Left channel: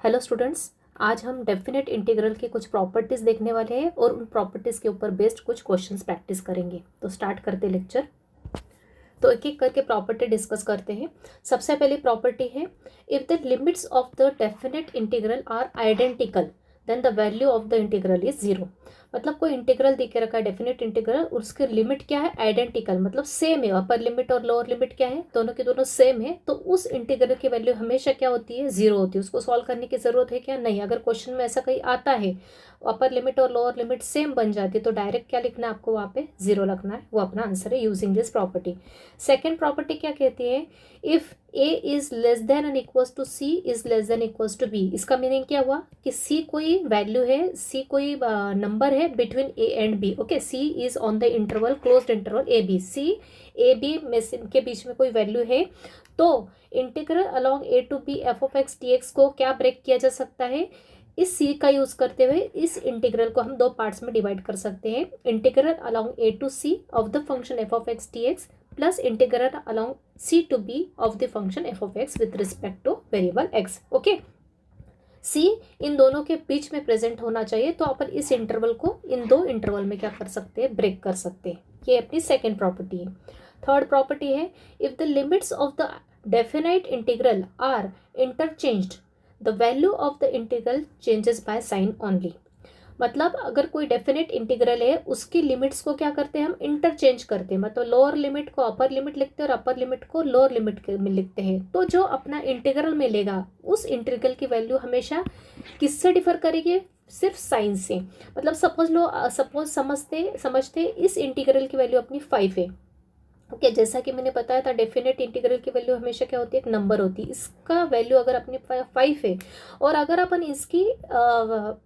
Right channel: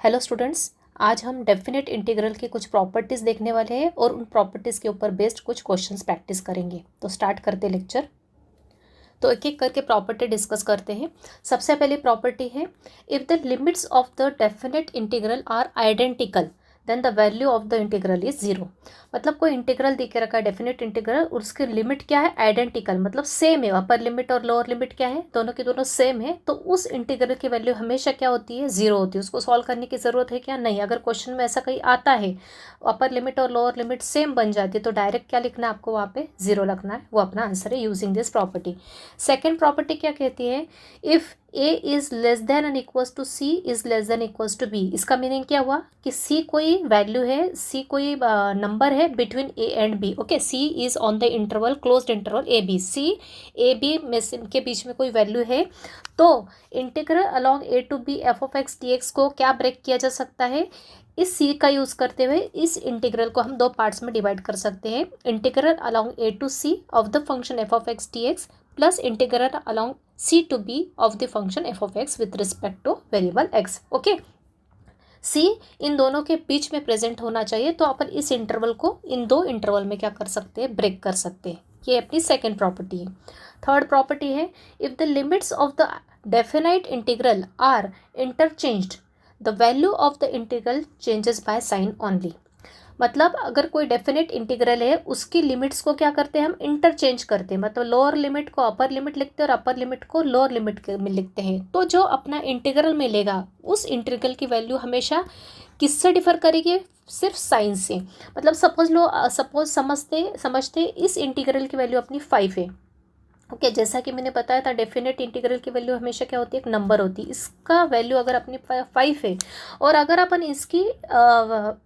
Hello students, आज हम definite integral के कुछ प्रॉपर्टीज़ देखने वाले हैं और उन प्रॉपर्टीज़ के ऊपर बेस्ड कुछ क्वेश्चंस प्रैक्टिस करेंगे। तो स्टार्ट करते लेक्चर। तो एक एक करके प्रॉपर्टी डिस्कस करते हैं। सबसे पहली प्रॉपर्टी है, if the limits of the definite integral are identical then the value of the integral is zero. मतलब कोई इंटीग्रल दे के रखा है डेफिनेट इंटीग्रल, उसकी लिमिट क्या है, आइडेंटिकल, मतलब सेम है। अपर लिमिट और लोअर लिमिट क्या है, दोनों की दोनों सेम है। तो उस इंटीग्रल की वैल्यू हमेशा क्या होती है, जीरो होती है। उसको सॉल्व करने की जरूरत है क्या, नहीं। अगर क्वेश्चन में ऐसा कहीं आता है अपर लिमिट और लोअर लिमिट सेम बन जाती है तो डायरेक्ट क्या लिखना है आपको, वहाँ पे जीरो लिखना है। वो अपना आंसर है using this property. Second property क्या कहती है, if A is less than and equals to C is less than equals to B. इसका मीनिंग क्या हुआ कि सी कोई वैल्यू है, सी कोई नंबर है between A and B. Okay, C is on the interval, closed interval A B. C A B में के बीच में कोई वैल्यू है तो integral along A to B F of x D X को क्या ब्रेक किया जा सकता है, इस सी का यूज करते हुए इस इंटीग्रल को हम दो पार्ट्स में डिवाइड कर सकते हैं। Integral along A to C of the function F of x D X plus integral along C to B of the function F of X with respect to variable X. Okay, C इन दोनों के बीच में present होना चाहिए तो अपन इस interval को इन दो इंटरवल में क्या कर सकते हैं, ब्रेक कर सकते हैं। ये अपनी सेकेंड प्रॉपर्टी है। थर्ड प्रॉपर्टी है, if the limits of the definite integral are interchanged the value of the integral changes by sign only. मतलब अगर कोई डेफिनेट इंटीग्रल है उसकी लिमिट्स को क्या करते हैं, हम इंटरचेंज करते हैं। मतलब लोअर लिमिट को अपर लिमिट लिखते हैं और अपर लिमिट को लोअर लिमिट में लिखते हैं। तो जो अपना इंटीग्रल मिलेगा उस इंटीग्रल की वैल्यू हमेशा किससे डिफर करेगी, सिर्फ साइन से। मतलब सपोज समझते इस इंटीग्रल की वैल्यू अपनी 5 है। ओके, जैसा कि मैंने बताया था डेफिनेट इंटीग्रल की वैल्यू हमेशा क्या होती है, एक नंबर होती है। इसका वैल्यू अगर अपनी 5 है और अगर अपन इसकी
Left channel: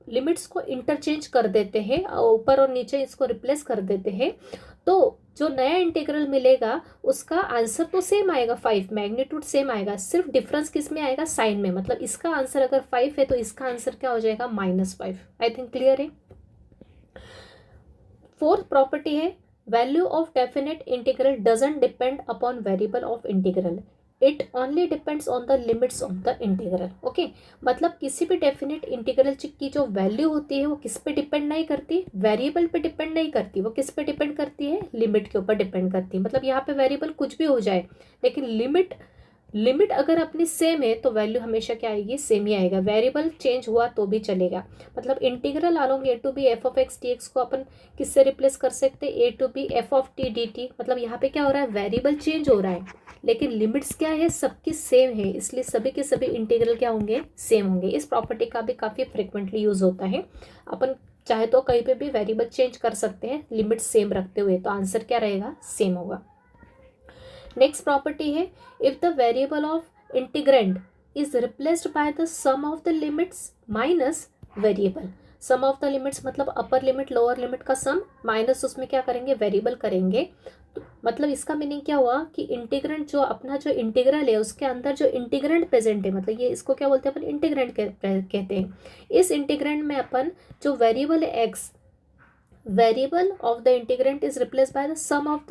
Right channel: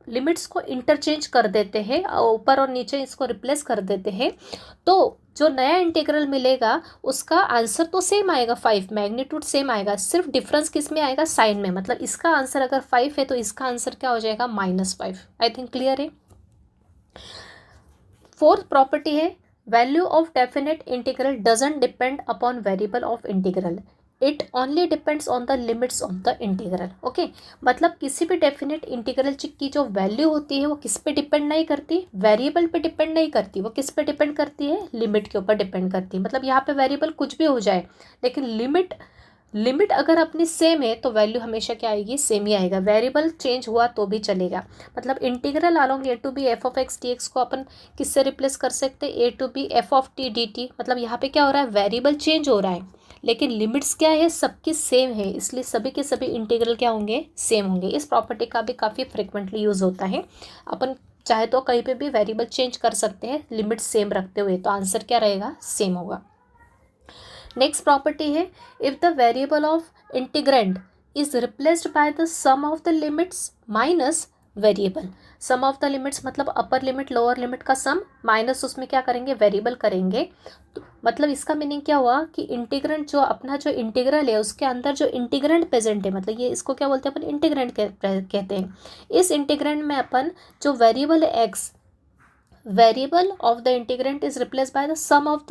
लिमिट्स को इंटरचेंज कर देते हैं, ऊपर और नीचे इसको रिप्लेस कर देते हैं, तो जो नया इंटीग्रल मिलेगा उसका आंसर तो सेम आएगा, 5 मैग्नीट्यूड सेम आएगा, सिर्फ डिफरेंस किस में आएगा, साइन में। मतलब इसका आंसर अगर 5 है तो इसका आंसर क्या हो जाएगा, -5। आई थिंक क्लियर है। फोर्थ प्रॉपर्टी है, value of definite integral doesn't depend upon variable of integral, it only depends on the limits of the integral. Okay, मतलब किसी भी डेफिनेट इंटीग्रल की जो वैल्यू होती है वो किस पे डिपेंड नहीं करती, वेरिएबल पे डिपेंड नहीं करती। वो किस पे डिपेंड करती है, लिमिट के ऊपर डिपेंड करती है। मतलब यहाँ पे वेरिएबल कुछ भी हो जाए लेकिन लिमिट अगर अपनी सेम है तो वैल्यू हमेशा क्या आएगी, सेम ही आएगा। वेरिएबल चेंज हुआ तो भी चलेगा। मतलब integral along A to B F of x D X को अपन किससे रिप्लेस कर सकते हैं, A to B F of T D T. मतलब यहाँ पे क्या हो रहा है, वेरिएबल चेंज हो रहा है लेकिन लिमिट्स क्या है, सबकी सेम है, इसलिए सभी के सभी इंटीग्रल क्या होंगे, सेम होंगे। इस प्रॉपर्टी का भी काफ़ी फ्रिक्वेंटली यूज होता है। अपन चाहे तो कहीं पे भी वेरिएबल चेंज कर सकते हैं लिमिट सेम रखते हुए, तो आंसर क्या रहेगा, सेम होगा। नेक्स्ट प्रॉपर्टी है, if the variable of integrand is replaced by the sum of the limits minus variable. Sum of the limits मतलब अपर लिमिट लोअर लिमिट का सम माइनस उसमें क्या करेंगे, वेरिएबल करेंगे। तो मतलब इसका मीनिंग क्या हुआ कि इंटीग्रेंड जो अपना जो इंटीग्रल है उसके अंदर जो इंटीग्रेंड प्रेजेंट है, मतलब ये इसको क्या बोलते हैं अपन, इंटीग्रेंड कहते हैं। इस इंटीग्रेंड में अपन जो वेरिएबल है X, variable of the integrand is replace by the sum of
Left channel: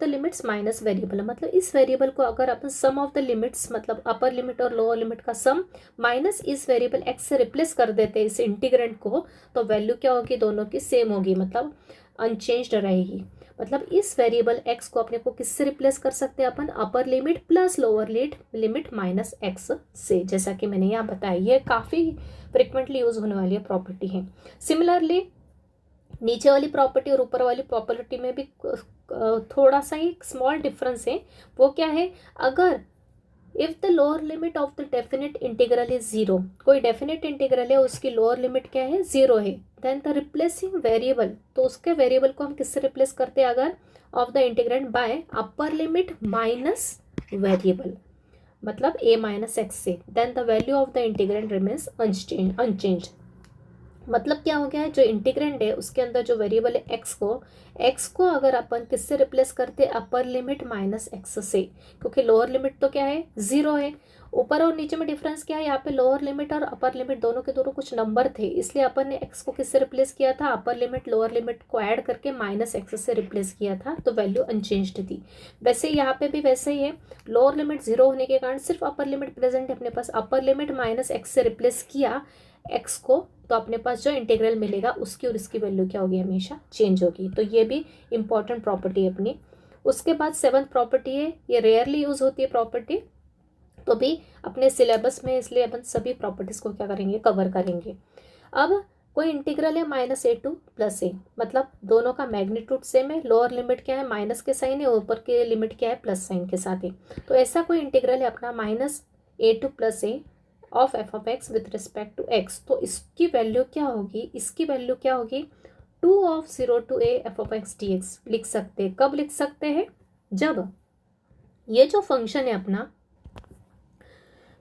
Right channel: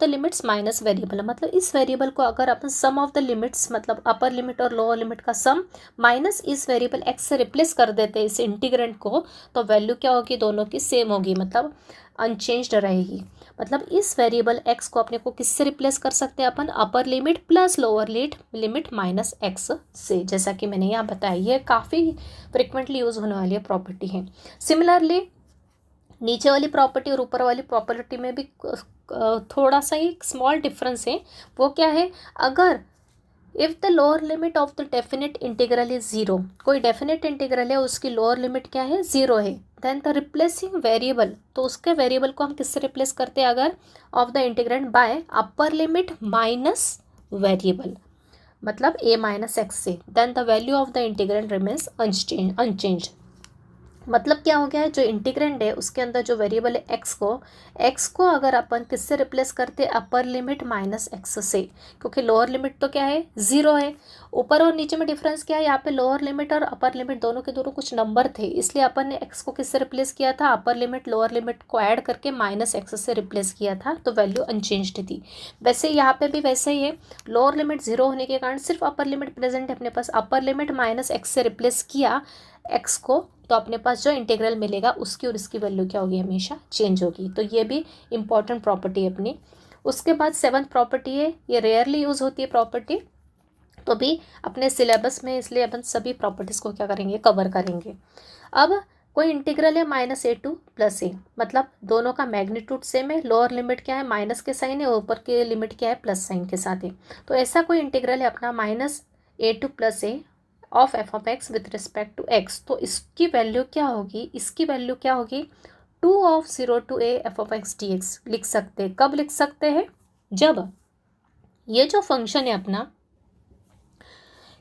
the limits minus variable. मतलब इस वेरिएबल को अगर अपन सम ऑफ द लिमिट्स मतलब अपर लिमिट और लोअर लिमिट का सम माइनस इस वेरिएबल एक्स से रिप्लेस कर देते हैं इस इंटीग्रेंट को, तो वैल्यू क्या होगी, दोनों की सेम होगी, मतलब अनचेंज्ड रहेगी। मतलब इस वेरिएबल एक्स को अपने को किससे रिप्लेस कर सकते हैं अपन, upper limit plus lower limit minus x से, जैसा कि मैंने यहाँ बताया। ये काफ़ी फ्रिक्वेंटली यूज होने वाली प्रॉपर्टी है। सिमिलरली नीचे वाली प्रॉपर्टी और ऊपर वाली प्रॉपर्टी में भी थोड़ा सा ही स्मॉल डिफरेंस है। वो क्या है, अगर if the lower limit of the definite integral is zero, कोई डेफिनेट इंटीग्रल है उसकी लोअर लिमिट क्या है, जीरो है, देन द रिप्लेसिंग वेरिएबल, तो उसके वेरिएबल को हम किससे रिप्लेस करते हैं, अगर of the integrand by upper limit minus variable, मतलब a माइनस एक्स से, then the value of the integrand remains unchange. मतलब क्या हो गया है, जो इंटीग्रेंड है उसके अंदर जो वेरिएबल है एक्स को अगर अपन किससे रिप्लेस करते हैं, अपर लिमिट माइनस एक्स से, क्योंकि लोअर लिमिट तो क्या है, जीरो है। ऊपर और नीचे में डिफरेंस क्या है, यहाँ पे लोअर लिमिट और अपर लिमिट दोनों के दोनों कुछ नंबर थे, इसलिए अपन ने एक्स को किससे रिप्लेस किया था, अपर लिमिट लोअर लिमिट को ऐड करके माइनस एक्स से रिप्लेस किया था, तो वैल्यू अनचेंज्ड थी। वैसे यहाँ पे भी वैसे ही है, लोअर लिमिट जीरो होने के कारण सिर्फ अपर लिमिट प्रेजेंट है अपने पास, अपर लिमिट माइनस एक्स से रिप्लेस किया एक्स को, तो अपने पास जो इंटीग्रल मिलेगा उसकी और इसकी वैल्यू क्या होगी, हमेशा चेंज होगी। तो ये भी इंपॉर्टेंट प्रॉपर्टी है अपनी। उसके बाद सेवंथ प्रॉपर्टी है, ये रेयरली यूज होती है प्रॉपर्टी, तो भी अपने सिलेबस में, इसलिए अपन सभी प्रॉपर्टीज को क्या करेंगे, कवर करेंगे। अब कोई इंटीग्रल है -a to +a, मतलब दोनों का मैग्नीट्यूड सेम है, लोअर लिमिट क्या है, माइनस के साइन है, ऊपर के लिमिट क्या है, प्लस साइन के साथ है। तो ऐसा कोई इंटीग्रल है अपना -a to +a of f(x) with respect to x, तो इसकी वैल्यू क्या होगी, इसकी वैल्यू क्या होगी, 2 of 0 to a f(x) dx लिख सकते हैं। कब लिख सकते हैं, जब ये जो फंक्शन है अपना,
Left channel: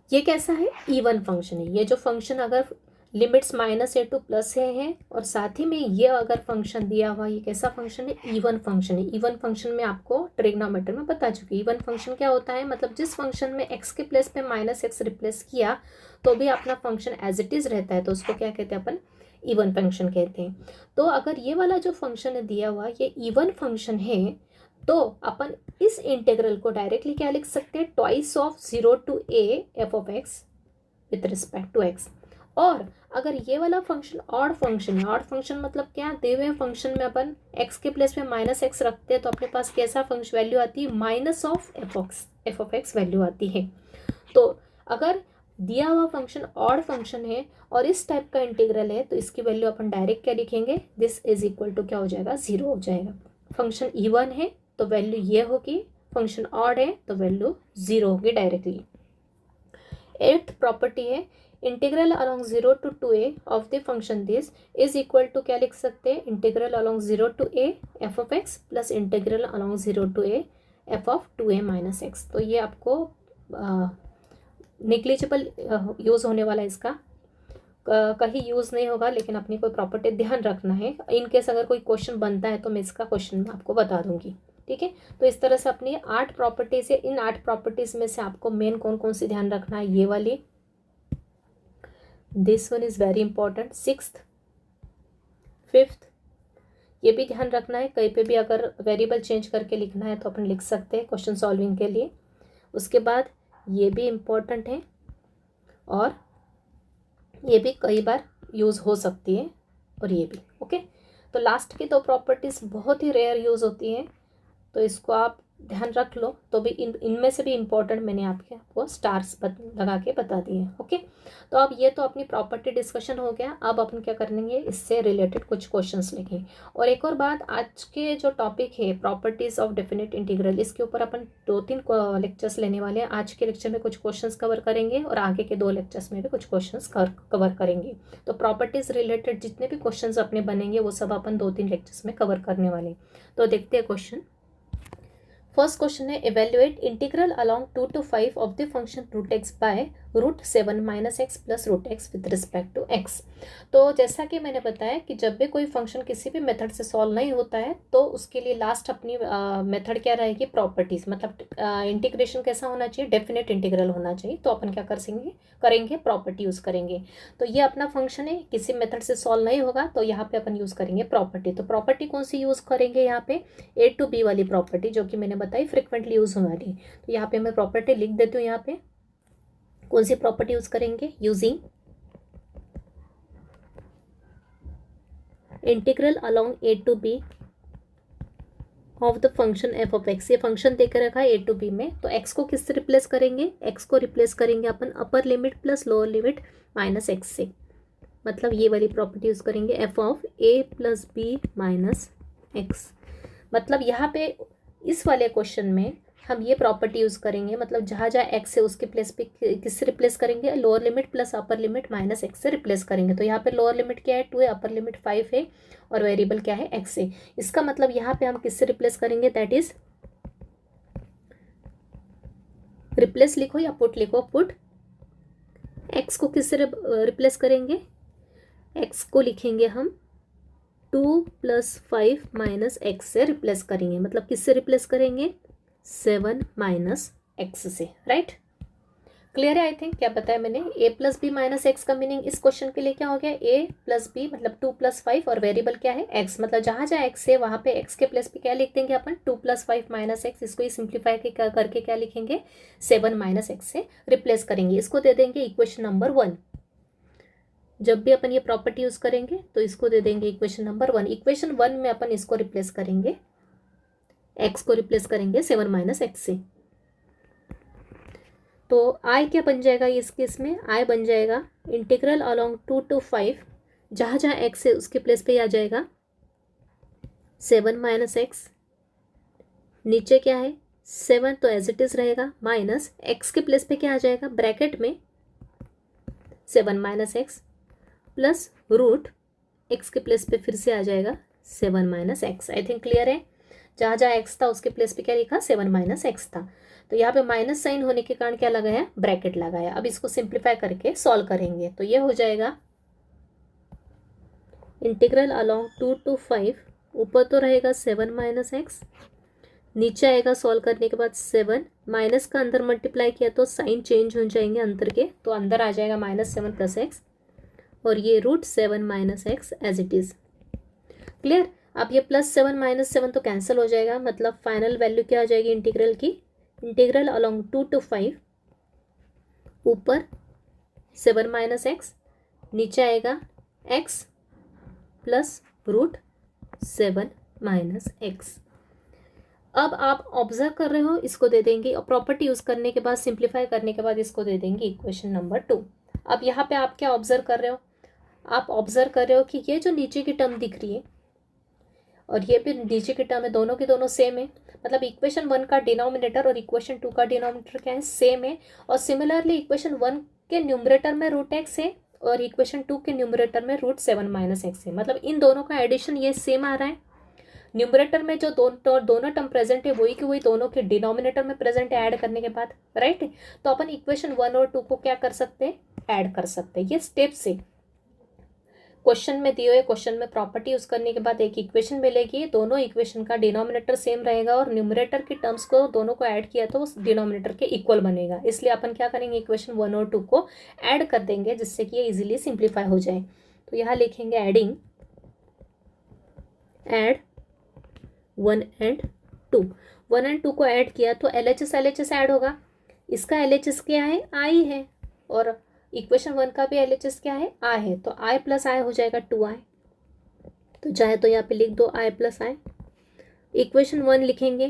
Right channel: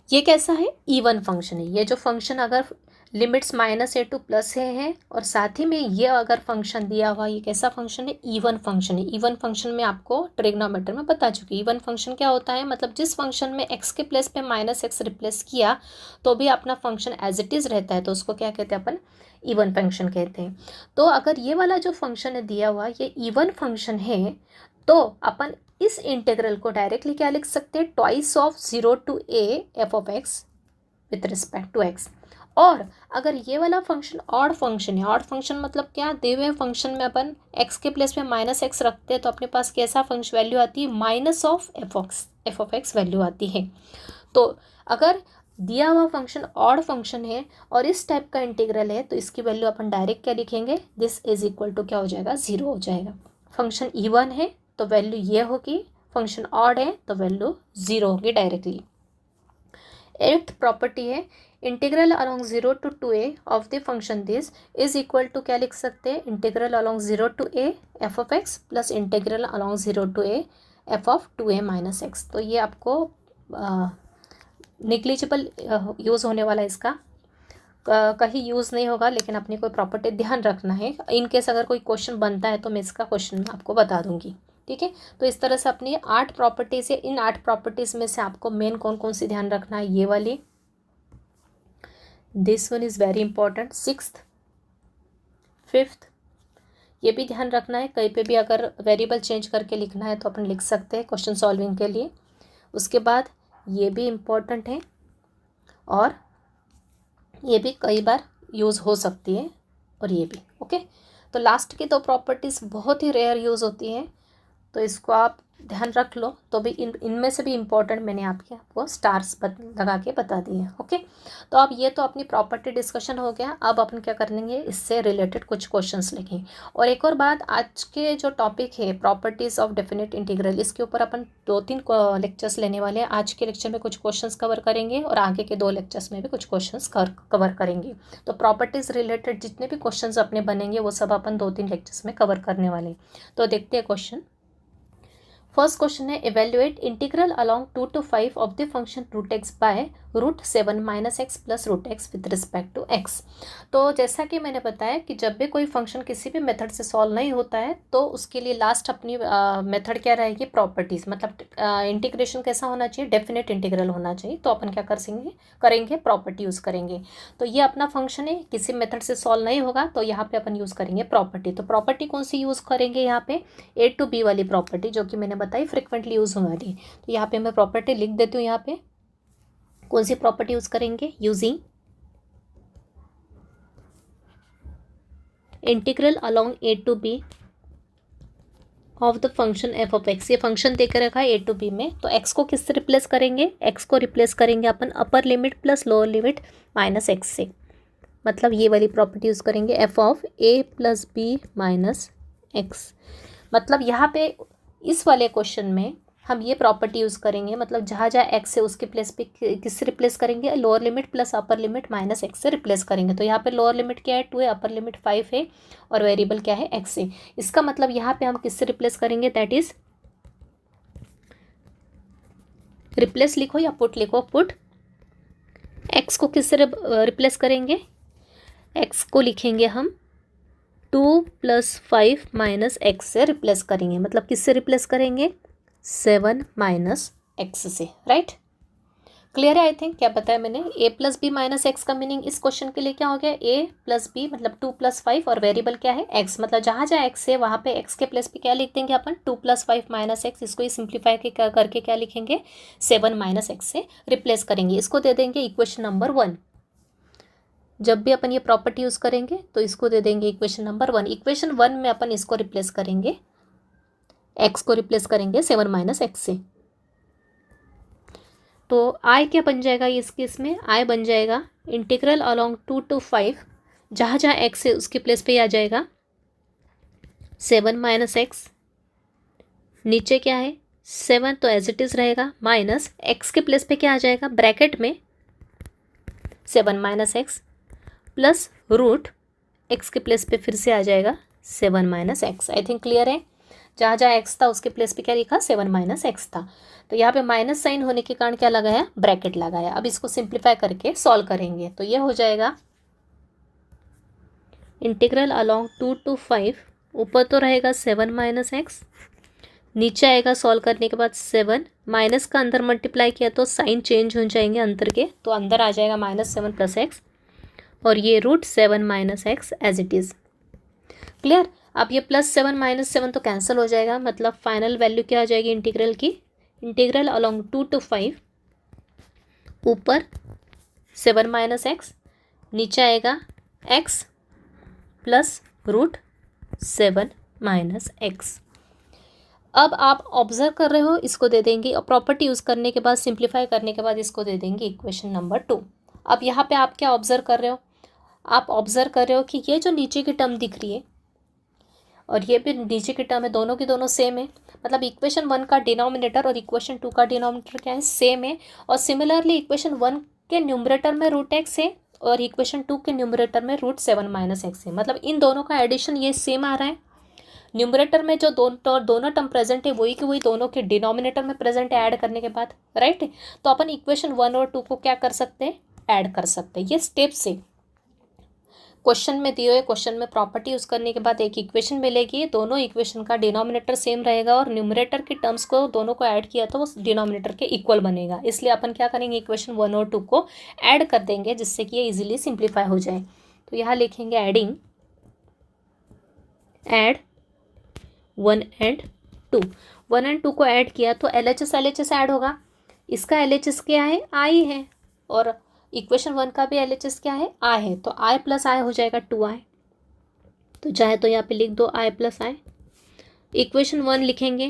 ये कैसा है, इवन फंक्शन है। ये जो फंक्शन अगर लिमिट्स -a to +a है, और साथ ही में ये अगर फंक्शन दिया हुआ, ये कैसा फंक्शन है, इवन फंक्शन है। इवन फंक्शन में आपको ट्रिग्नोमेट्री में बता चुकी, इवन फंक्शन क्या होता है, मतलब जिस फंक्शन में x के प्लेस पे -x रिप्लेस किया तो भी अपना फंक्शन एज इट इज़ रहता है, तो उसको क्या कहते हैं अपन, इवन फंक्शन कहते हैं। तो अगर ये वाला जो फंक्शन है दिया हुआ, ये इवन फंक्शन है, तो अपन इस इंटीग्रल को डायरेक्टली क्या लिख सकते हैं, twice of 0 to a f(x) with respect to x। और अगर ये वाला फंक्शन ऑड फंक्शन है, ऑड फंक्शन मतलब क्या, दिए हुए फंक्शन में अपन x के प्लेस में -x रखते हैं, तो अपने पास कैसा फंक्शन वैल्यू आती है, माइनस ऑफ f(x) वैल्यू आती है। तो अगर दिया हुआ फंक्शन ऑड फंक्शन है और इस टाइप का इंटीग्रल है, तो इसकी वैल्यू अपन डायरेक्ट क्या लिखेंगे, दिस इज इक्वल टू क्या हो जाएगा, 0 हो जाएगा। फंक्शन इवन है तो वैल्यू ये होगी, फंक्शन ऑड है तो वैल्यू 0 होगी डायरेक्टली। एट्थ प्रॉपर्टी है, integral along 0 to 2a of the function this is equal to क्या लिख सकते हैं, integral along 0 to a f(x) plus integral along 0 to a f(2a-x)। तो ये आपको निग्लिजिबल यूज़ होने वाला है इसका, कहीं यूज़ नहीं होगा, लेकिन अपनी कोई प्रॉपर्टी ध्यान रखना है। इन केस अगर कोई क्वेश्चन बनता है तो मैं इसका क्वेश्चन आपको बता दूंगी, ठीक है। तो इस तरह से अपनी 8 प्रॉपर्टीज़ है, इन 8 प्रॉपर्टीज़ में से आपको मेन कौन कौन सी ध्यान रखना है, ये वाली, this one is very important, 6th 5th, ये भी ध्यान रखना है। कहीं पे भी अगर वेरिएबल चेंज करके लिखना है तो अपन लिख सकते हैं क्वेश्चन सॉल्विंग के लिए। उसके बाद ये भी इम्पॉर्टेंट है, और ये भी कई बार यूज़ हो सकती है, और ये भी ओके। तो लास्ट की 2 प्रॉपर्टीज़ बहुत ही रेयर यूज़ होती हैं, तो इसको आप ध्यान रख लो। तो भी इनमें से भी इम्पोर्टेंट मैंने आपको स्टार्स लगा के बता दिए, ओके। तो अब ये तो अपनी प्रॉपर्टी डिस्कशन हो गया। अब अपन क्या करेंगे, इससे रिलेटेड कुछ क्वेश्चंस लिखें। और एक और बात, आज के जो टॉपिक है प्रॉपर्टीज़ ऑफ डेफिनेट इंटीग्रल, इसके ऊपर अपन 2-3 लेक्चर्स लेने वाले हैं। आज के लेक्चर में कुछ क्वेश्चंस कवर करेंगे और आगे के 2 लेक्चर्स में भी कुछ क्वेश्चंस कवर करेंगे। तो प्रॉपर्टीज़ रिलेटेड जितने भी क्वेश्चंस अपने बनेंगे वो सब अपन 2-3 लेक्चर्स में कवर करने वाले। तो देखते हैं क्वेश्चन। फर्स्ट क्वेश्चन है, evaluate integral along 2 to 5 of the function √x by √7 - x plus √x with respect to x। तो जैसा कि मैंने बताया कि जब भी कोई फंक्शन किसी भी मेथड से सॉल्व नहीं होता है तो उसके लिए लास्ट अपनी मेथड क्या रहेगी, प्रॉपर्टीज, मतलब इंटीग्रेशन कैसा होना चाहिए, डेफिनेट इंटीग्रल होना चाहिए। तो अपन क्या करेंगे प्रॉपर्टी यूज़ करेंगे। तो ये अपना फंक्शन है, किसी मेथड से सॉल्व नहीं होगा तो यहाँ पे अपन यूज़ करेंगे प्रॉपर्टी। तो प्रॉपर्टी कौन सी यूज़ करेंगे, यहाँ पे A to B वाली प्रॉपर्टी, जो कि मैंने बताई फ्रिक्वेंटली यूज़ होने वाली। तो यहाँ पे मैं प्रॉपर्टी लिख देती हूँ। यहाँ पे कौन सी प्रॉपर्टी यूज़ करेंगे, using integral along A to B of the function f(x)। ये फंक्शन देकर रखा है A to B में, तो x को किससे रिप्लेस करेंगे, x को रिप्लेस करेंगे अपन upper limit plus lower limit -x से। मतलब ये वाली प्रॉपर्टी यूज़ करेंगे f(a + b - x)। मतलब यहाँ पे इस वाले क्वेश्चन में हम ये प्रॉपर्टी यूज़ करेंगे, मतलब जहाँ जहाँ x है उसके प्लेस पे किससे रिप्लेस करेंगे, lower limit plus upper limit -x से रिप्लेस करेंगे। तो यहाँ पे लोअर लिमिट क्या है, 2 है, अपर लिमिट 5 है, और वेरिएबल क्या है, x है। इसका मतलब यहाँ पे हम किससे रिप्लेस करेंगे, दैट इज रिप्लेस लिखो या पुट लिखो, पुट x को किससे रिप्लेस करेंगे, एक्स को लिखेंगे हम 2 + 5 - x से रिप्लेस करेंगे, मतलब किससे रिप्लेस करेंगे? 7 - x से, राइट। क्लियर है आई थिंक। क्या बताया मैंने? a + b - x का मीनिंग इस क्वेश्चन के लिए क्या हो गया? a + b मतलब 2 + 5 और वेरिएबल क्या है? x, मतलब जहाँ जहाँ x है वहाँ पे x के प्लेस पे क्या लिख देंगे अपन? 2 + 5 - x। इसको ही सिंप्लीफाई करके क्या लिखेंगे? 7 - x से रिप्लेस करेंगे। इसको दे देंगे इक्वेशन नंबर 1। जब भी अपन ये प्रॉपर्टी यूज़ करेंगे तो इसको दे देंगे इक्वेशन नंबर 1। इक्वेशन 1 में अपन इसको रिप्लेस करेंगे, x को रिप्लेस करेंगे 7 - x से। तो आई क्या बन जाएगा इस केस में? आई बन जाएगा इंटीग्रल अलोंग 2 to 5, जहाँ जहाँ x है उसके प्लेस पे आ जाएगा 7 - x। नीचे क्या है? 7, तो एज इट इज़ रहेगा, माइनस x के प्लेस पे क्या आ जाएगा? ब्रैकेट में 7 - x प्लस रूट x के प्लेस पे फिर से आ जाएगा 7 - x। आई थिंक क्लियर है। जहाँ जहाँ x था उसके प्लेस पे क्या लिखा? 7 - x था। तो यहाँ पे माइनस साइन होने के कारण क्या लगाया? ब्रैकेट लगाया। अब इसको सिंप्लीफाई करके सॉल्व करेंगे तो ये हो जाएगा इंटीग्रल अलोंग 2 to 5, ऊपर तो रहेगा 7 - x, नीचे आएगा सॉल्व करने के बाद 7, माइनस का अंदर मल्टीप्लाई किया तो साइन चेंज हो जाएंगे अंदर के, तो अंदर आ जाएगा -7 + x, और ये √7 - x as it is. Clear. अब ये +7 - 7 तो कैंसिल हो जाएगा, मतलब फाइनल वैल्यू क्या आ जाएगी इंटीग्रल की? इंटीग्रल अलोंग 2 to 5, ऊपर 7 - x, नीचे आएगा x प्लस √7 - x। अब आप ऑब्जर्व कर रहे हो, इसको दे देंगे और प्रॉपर्टी यूज़ करने के बाद, सिंप्लीफाई करने के बाद इसको दे देंगे इक्वेशन नंबर 2। अब यहाँ पे आप क्या ऑब्जर्व कर रहे हो? आप ऑब्जर्व कर रहे हो कि ये जो नीचे की टर्म दिख रही है और ये भी नीचे की टर्म है, दोनों की दोनों सेम है, मतलब इक्वेशन 1 का डिनोमिनेटर और इक्वेशन 2 का डिनोमिनेटर क्या है? सेम है। और सिमिलरली इक्वेशन 1 के न्यूमरेटर में √x है और इक्वेशन 2 के न्यूमरेटर में √7 - x है, मतलब इन दोनों का एडिशन ये सेम आ रहा है। न्यूमरेटर में जो दोनों टर्म प्रेजेंट है वही की वही दोनों के डिनोमिनेटर में प्रेजेंट है ऐड करने के बाद, राइट। तो अपन इक्वेशन 1 और 2 को क्या कर सकते हैं? ऐड कर सकते हैं। ये स्टेप से क्वेश्चन में दिए हुए क्वेश्चन में प्रॉपर्टी यूज करने के बाद एक इक्वेशन मिलेगी, दोनों इक्वेशन का डिनोमिनेटर सेम रहेगा और न्यूमरेटर की टर्म्स को दोनों को ऐड किया तो वो डिनोमिनेटर के इक्वल बनेगा। इसलिए अपन क्या करेंगे? इक्वेशन 1 और 2 को ऐड कर देंगे जिससे कि ये इजीली सिंप्लीफाई हो जाए। तो यहाँ लिखेंगे एडिंग, ऐड 1 and 2। 1 and 2 को ऐड किया तो LHS ऐड होगा। इसका LHS क्या है? आई है, और इक्वेशन 1 का भी LHS क्या है? आई है। तो I + I हो जाएगा 2i। तो चाहे तो यहाँ पे लिख दो I + I। इक्वेशन 1 लिखेंगे,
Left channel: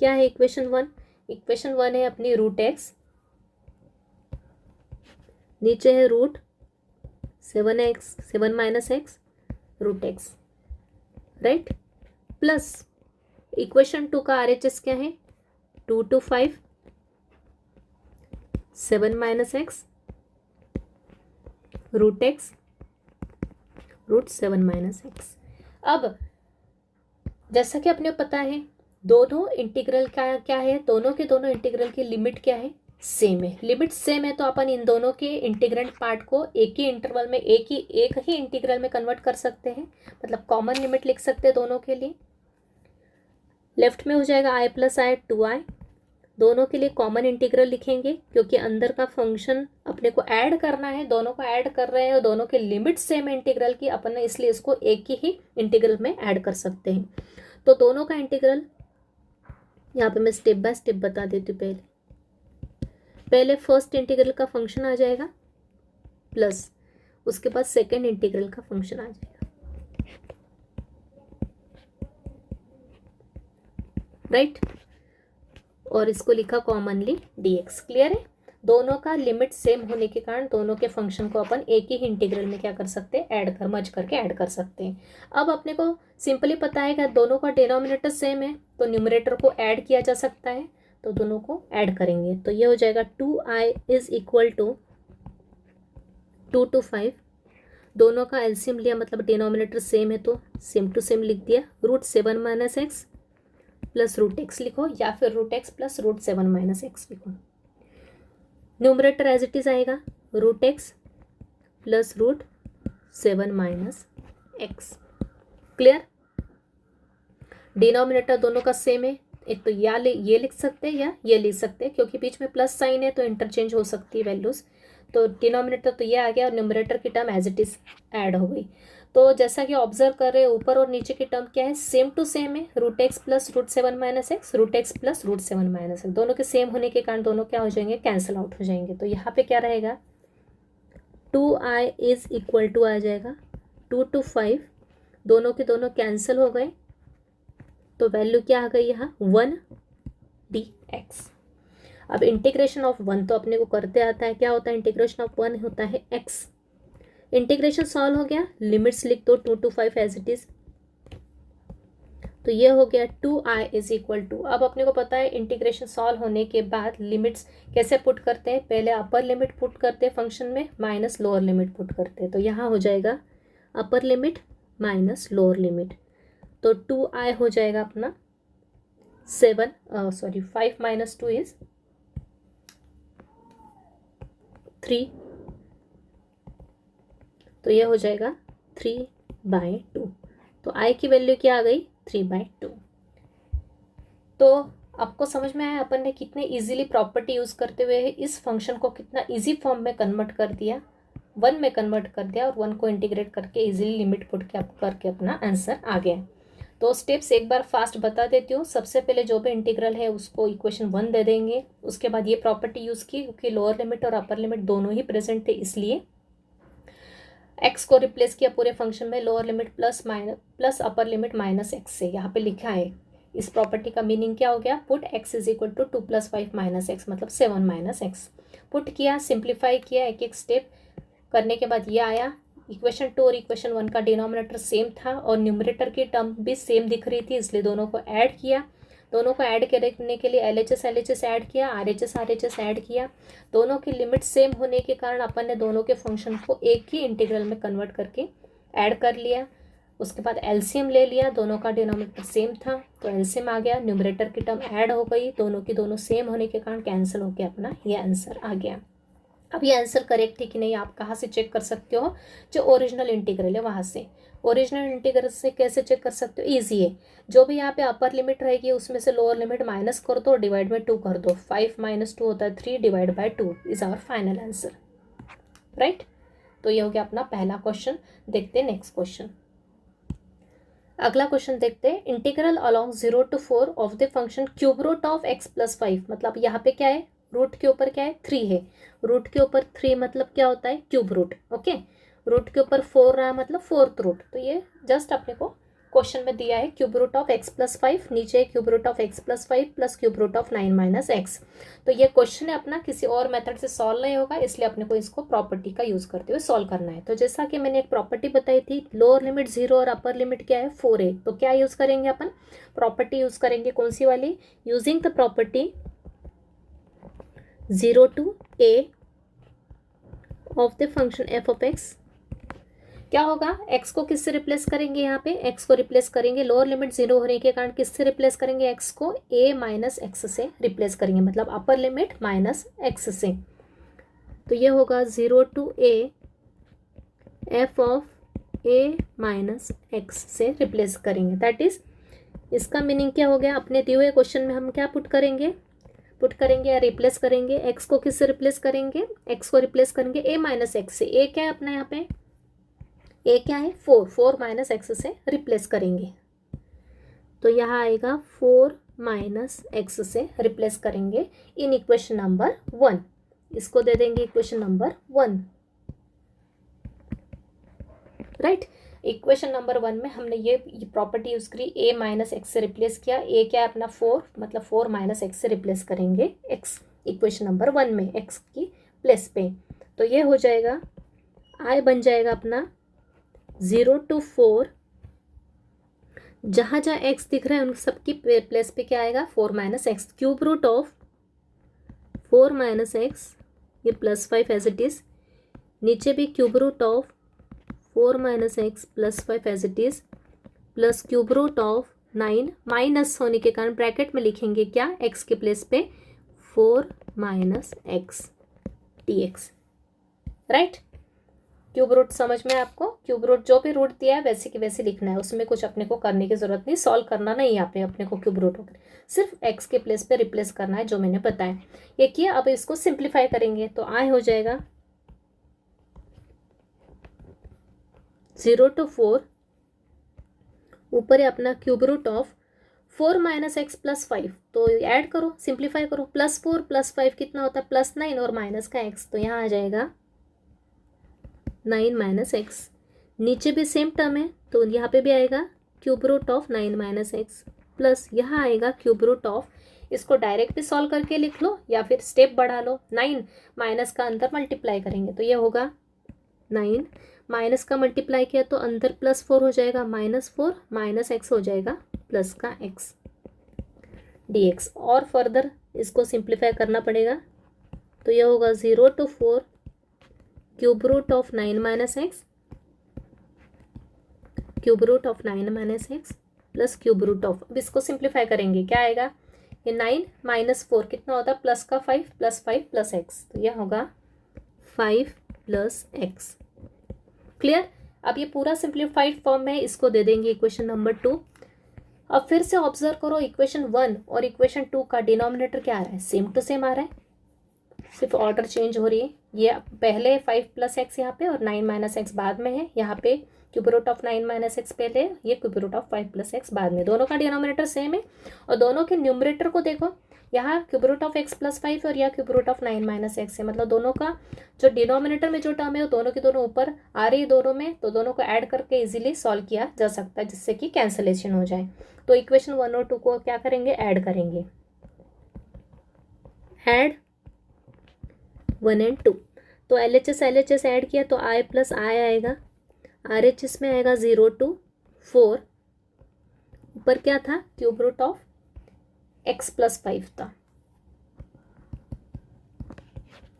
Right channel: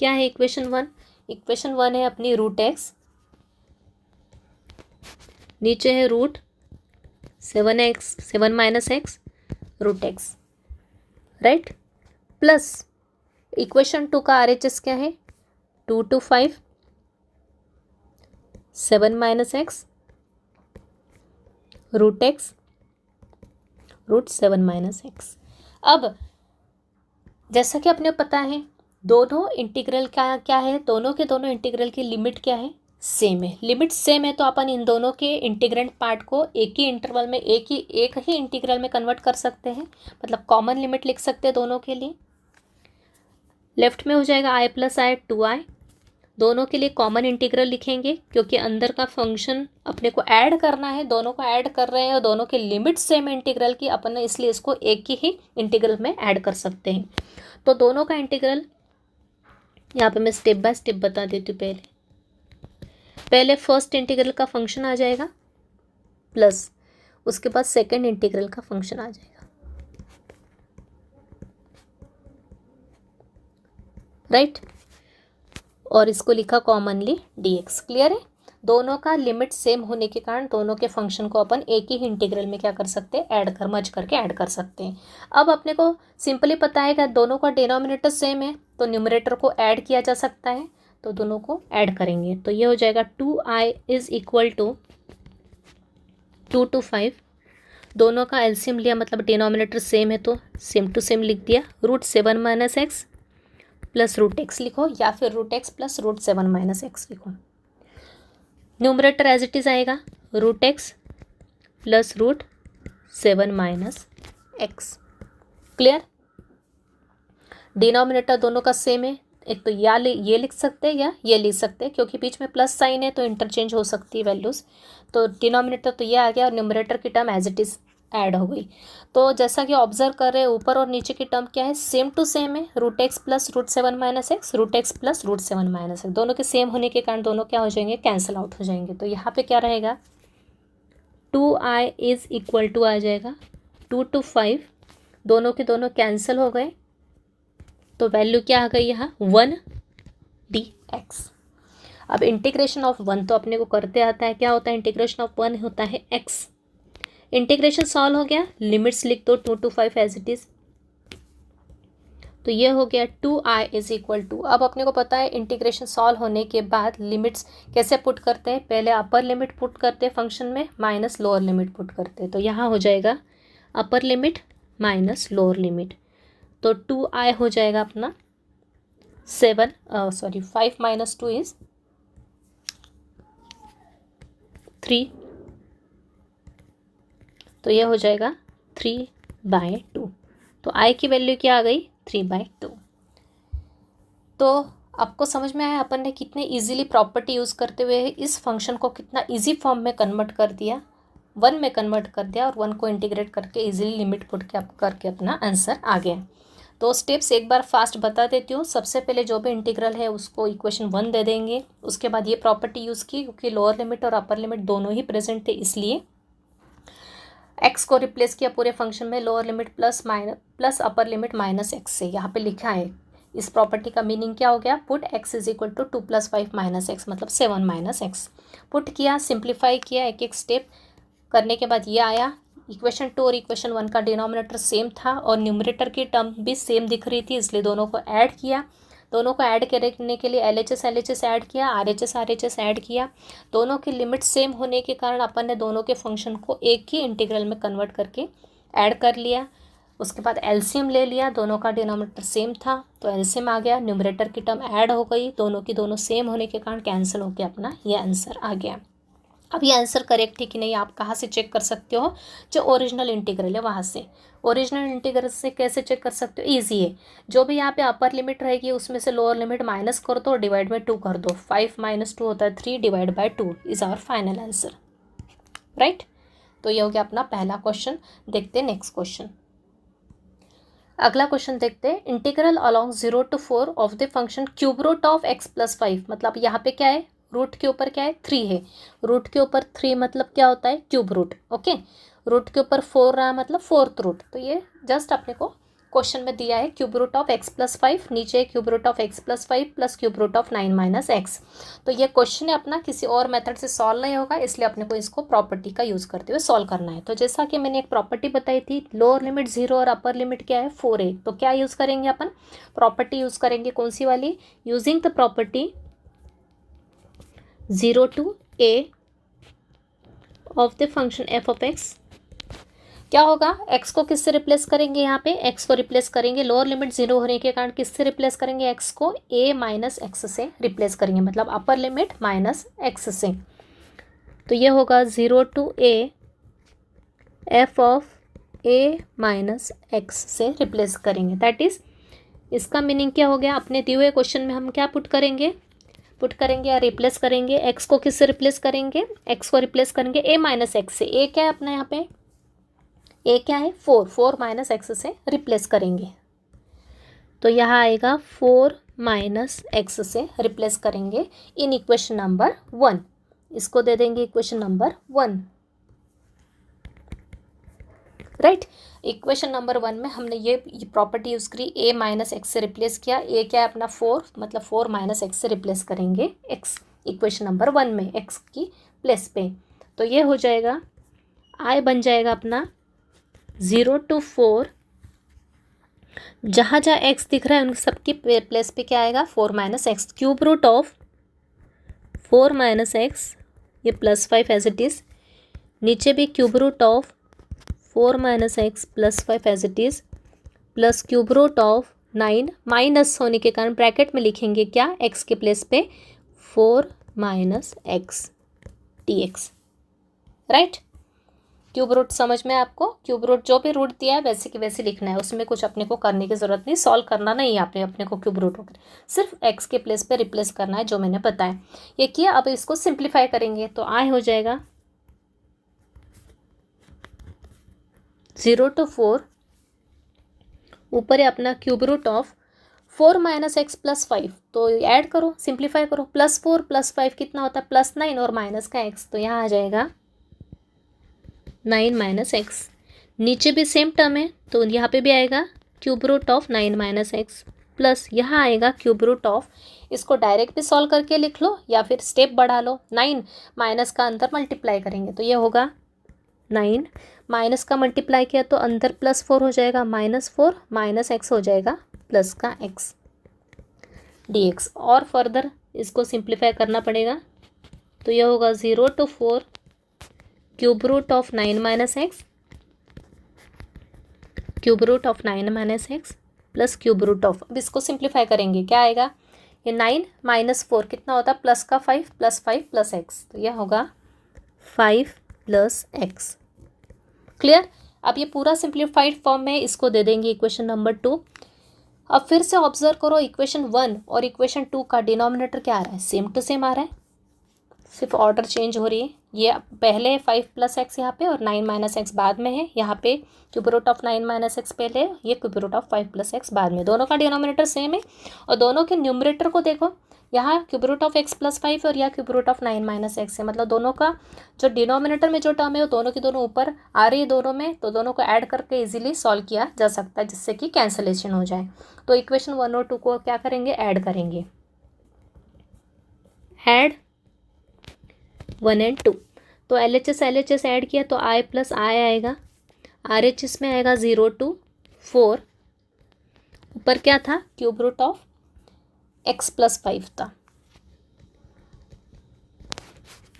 क्या है इक्वेशन 1? इक्वेशन 1 है अपनी √x, नीचे है √7 - x √x, right, plus equation 2 का RHS क्या है? 2 to 5 7 - x √x √7 - x। अब जैसा कि अपने पता है दोनों इंटीग्रल का क्या है? दोनों के दोनों इंटीग्रल की लिमिट क्या है? सेम है। लिमिट सेम है तो अपन इन दोनों के इंटीग्रेंट पार्ट को एक ही इंटरवल में एक ही इंटीग्रल में कन्वर्ट कर सकते हैं, मतलब कॉमन लिमिट लिख सकते हैं दोनों के लिए। लेफ्ट में हो जाएगा I + I 2i, दोनों के लिए कॉमन इंटीग्रल लिखेंगे क्योंकि अंदर का फंक्शन अपने को ऐड करना है, दोनों को ऐड कर रहे हैं और दोनों के लिमिट सेम इंटीग्रल की अपन ने, इसलिए इसको एक ही इंटीग्रल में ऐड कर सकते हैं। तो दोनों का इंटीग्रल यहाँ पे मैं स्टेप बाय स्टेप बता देती हूँ। पहले फर्स्ट इंटीग्रल का फंक्शन आ जाएगा प्लस उसके बाद सेकंड इंटीग्रल का फंक्शन आ जाएगा, राइट। और इसको लिखा कॉमनली dx। क्लियर है। दोनों का लिमिट सेम होने के कारण दोनों के फंक्शन को अपन एक ही इंटीग्रल में क्या कर सकते हैं? ऐड कर, मर्ज करके ऐड कर सकते हैं। अब अपने को सिंपली पता है कि दोनों का डिनोमिनेटर सेम है तो न्यूमरेटर को ऐड किया जा सकता है, तो दोनों को ऐड करेंगे तो ये हो जाएगा 2i = 2 to 5। दोनों का एलसीएम लिया, मतलब डिनोमिनेटर सेम है तो सेम टू सेम लिख दिया, √7 - x प्लस √x लिखो या फिर √x प्लस √7 - x लिखो। न्यूमरेटर एज इट इज़ आएगा √x plus 7 minus x. Clear? Denominator दोनों का सेम है, एक तो ये लिख सकते हैं या ये लिख सकते हैं, क्योंकि बीच में प्लस साइन है तो इंटरचेंज हो सकती है वैल्यूज़। तो डिनोमिनेटर तो ये आ गया और न्यूमरेटर की term as it is add हो गई। तो जैसा कि ऑब्जर्व कर रहे हैं, ऊपर और नीचे की टर्म क्या है, सेम टू सेम है। Root x plus root 7 minus x, root x plus root 7 minus X, दोनों के सेम होने के कारण दोनों क्या हो जाएंगे, कैंसिल आउट हो जाएंगे। तो यहाँ पे क्या रहेगा, 2i इज इक्वल टू आ जाएगा 2 to 5, दोनों के दोनों कैंसिल हो गए, तो वैल्यू क्या आ गई यहाँ 1 dx। अब इंटीग्रेशन ऑफ 1 तो अपने को करते आता है, क्या होता है इंटीग्रेशन ऑफ 1 होता है x। इंटीग्रेशन सॉल्व हो गया, लिमिट्स लिख दो 2 to 5 एज इट इज, तो ये हो गया 2i इज इक्वल टू। अब अपने को पता है इंटीग्रेशन सॉल्व होने के बाद लिमिट्स कैसे पुट करते हैं, पहले अपर लिमिट पुट करते हैं फंक्शन में, माइनस लोअर लिमिट पुट करते हैं। तो यहाँ हो जाएगा अपर लिमिट माइनस लोअर लिमिट, तो 2i हो जाएगा अपना 5 माइनस 2 इज 3, तो यह हो जाएगा 3/2। तो i की वैल्यू क्या आ गई 3/2। तो आपको समझ में आया अपन ने कितने इजीली प्रॉपर्टी यूज़ करते हुए इस फंक्शन को कितना इजी फॉर्म में कन्वर्ट कर दिया, 1 में कन्वर्ट कर दिया, और 1 को इंटीग्रेट करके इजीली लिमिट पुट करके अपना आंसर आ गया। तो स्टेप्स एक बार फास्ट बता देती हूँ। सबसे पहले जो भी इंटीग्रल है उसको इक्वेशन 1 दे देंगे, उसके बाद ये प्रॉपर्टी यूज़ की, क्योंकि लोअर लिमिट और अपर लिमिट दोनों ही प्रेजेंट थे, इसलिए एक्स को रिप्लेस किया पूरे फंक्शन में, लोअर लिमिट प्लस अपर लिमिट माइनस एक्स से यहाँ पे लिखा है। इस प्रॉपर्टी का मीनिंग क्या हो गया, put X is equal to 2 + 5 minus x, मतलब 7 माइनस एक्स। पुट किया, सिंप्लीफाई किया, एक एक स्टेप करने के बाद ये आया। इक्वेशन 2 और इक्वेशन 1 का डिनोमिनेटर सेम था और न्यूमरेटर की टर्म भी सेम दिख रही थी, इसलिए दोनों को ऐड किया। दोनों को ऐड करने के लिए LHS ऐड किया, RHS ऐड किया। दोनों की लिमिट सेम होने के कारण अपन ने दोनों के फंक्शन को एक ही इंटीग्रल में कन्वर्ट करके ऐड कर लिया। उसके बाद एलसीएम ले लिया, दोनों का डिनोमिनेटर सेम था तो एलसीएम आ गया, न्यूमरेटर की टर्म ऐड हो गई, दोनों की दोनों सेम होने के कारण कैंसिल होकर अपना ये आंसर आ गया। अब ये आंसर करेक्ट है कि नहीं आप कहाँ से चेक कर सकते हो, जो ओरिजिनल इंटीग्रल है वहाँ से। ओरिजिनल इंटीग्रल से कैसे चेक कर सकते हो, ईजी है। जो भी यहाँ पे अपर लिमिट रहेगी उसमें से लोअर लिमिट माइनस कर दो, डिवाइड बाई 2 कर दो। 5 माइनस 2 होता है 3, divide by 2 is our final answer, right. तो ये हो गया अपना पहला क्वेश्चन। देखते हैं नेक्स्ट क्वेश्चन। अगला क्वेश्चन देखते हैं, integral along 0 to 4 of the function cube root of x + 5। मतलब यहाँ पे क्या है, रूट के ऊपर क्या है 3 है, रूट के ऊपर 3 मतलब क्या होता है क्यूब रूट, ओके। रूट के ऊपर 4 रहा मतलब 4th रूट। तो ये जस्ट अपने को क्वेश्चन में दिया है क्यूब रूट ऑफ x + 5, नीचे cube root of x + 5 plus cube root of 9 minus x. तो ये क्वेश्चन है अपना, किसी और मेथड से सॉल्व नहीं होगा, इसलिए अपने को इसको प्रॉपर्टी का यूज़ करते हुए सॉल्व करना है। तो जैसा कि मैंने एक प्रॉपर्टी बताई थी, लोअर लिमिट 0 और अपर लिमिट क्या है 4 है, तो क्या यूज़ करेंगे अपन, प्रॉपर्टी यूज़ करेंगे, कौन सी वाली, using the property 0 to a of the function f of x। क्या होगा, x को किससे रिप्लेस करेंगे, यहाँ पे x को रिप्लेस करेंगे, लोअर लिमिट 0 होने के कारण किससे रिप्लेस करेंगे, x को a माइनस एक्स से रिप्लेस करेंगे, मतलब अपर लिमिट माइनस एक्स से। तो ये होगा 0 to a f of a minus x से रिप्लेस करेंगे। दैट इज, इसका मीनिंग क्या हो गया, अपने दिए हुए क्वेश्चन में हम क्या पुट करेंगे या रिप्लेस करेंगे, x को किससे रिप्लेस करेंगे, x को रिप्लेस करेंगे a माइनस एक्स से। a क्या है अपना यहाँ पे, a क्या है 4 माइनस एक्स से रिप्लेस करेंगे, तो यहाँ आएगा 4 माइनस एक्स से रिप्लेस करेंगे इन इक्वेशन नंबर 1। इसको दे देंगे equation number 1, right. Equation number 1 में हमने ये प्रॉपर्टी यूज़ करी, a माइनस एक्स से रिप्लेस किया। a क्या है अपना 4, मतलब 4 माइनस एक्स से रिप्लेस करेंगे x इक्वेशन नंबर 1 में x की प्लेस पे। तो ये हो जाएगा, i बन जाएगा अपना 0 to 4, जहाँ जहाँ x दिख रहा है उन सबकी प्लेस पे क्या आएगा 4 minus X, cube root of 4 minus X, ये +5 एज इट इज़, नीचे भी cube root of 4 minus X +5 as it is, plus cube root of 9, minus होने के कारण ब्रैकेट में लिखेंगे क्या, x के प्लेस पे 4 minus X dx, right. Cube root समझ में आपको? क्यूब रूट जो भी रूट दिया है वैसे की वैसे लिखना है, उसमें कुछ अपने को करने की ज़रूरत नहीं, सॉल्व करना नहीं है आपने अपने को क्यूब रूट वगैरह, सिर्फ एक्स के प्लेस पे रिप्लेस करना है जो मैंने बताया। ये किया, अब इसको सिंप्लीफाई करेंगे तो आई हो जाएगा 0 to 4, ऊपर है अपना क्यूब रूट ऑफ 4 - x + 5, तो ऐड करो, सिंप्लीफाई करो, +4 + 5 कितना होता है +9 और माइनस का x, तो यहाँ आ जाएगा 9 - x। नीचे भी सेम टर्म है तो यहाँ पे भी आएगा cube root of 9 - x plus यहाँ आएगा क्यूब रूट ऑफ, इसको डायरेक्ट भी सॉल्व करके लिख लो या फिर स्टेप बढ़ा लो, 9 माइनस का अंदर मल्टीप्लाई करेंगे तो ये होगा 9, माइनस का मल्टीप्लाई किया तो अंदर +4 हो जाएगा, -4 - x हो जाएगा प्लस का x dx। और फर्दर इसको सिंप्लीफाई करना पड़ेगा तो यह होगा 0 to 4 cube root of 9 - x, cube root of 9 - x plus cube root of, अब इसको सिंप्लीफाई करेंगे क्या आएगा, ये 9 - 4 कितना होता है प्लस का 5 + 5 + x, तो यह होगा 5 + x। क्लियर? अब ये पूरा सिंप्लीफाइड फॉर्म में इसको दे देंगे इक्वेशन नंबर 2। अब फिर से ऑब्जर्व करो, इक्वेशन 1 और इक्वेशन 2 का डिनोमिनेटर क्या आ रहा है, सेम टू सेम आ रहा है, सिर्फ ऑर्डर चेंज हो रही है। ये पहले 5 + x यहाँ पे और 9 - x बाद में है, यहाँ पे क्यूब रूट ऑफ 9 - x पहले, ये क्यूब रूट ऑफ 5 + x बाद में, दोनों का डिनोमिनेटर सेम है। और दोनों के न्यूमरेटर को देखो, यहाँ क्यूब रूट ऑफ x + 5 और यहाँ क्यूब रूट ऑफ 9 - x है, मतलब दोनों का जो डिनोमिनेटर में जो टर्म है वो दोनों की दोनों ऊपर आ रही है दोनों में, तो दोनों को ऐड करके इजीली सॉल्व किया जा सकता है जिससे कि कैंसलेशन हो जाए। तो इक्वेशन 1 और 2 को क्या करेंगे, ऐड करेंगे, ऐड 1 and 2, तो LHS ऐड किया तो I + I आएगा, RHS में आएगा 0 to 4, ऊपर क्या था क्यूब रूट ऑफ x + 5 था,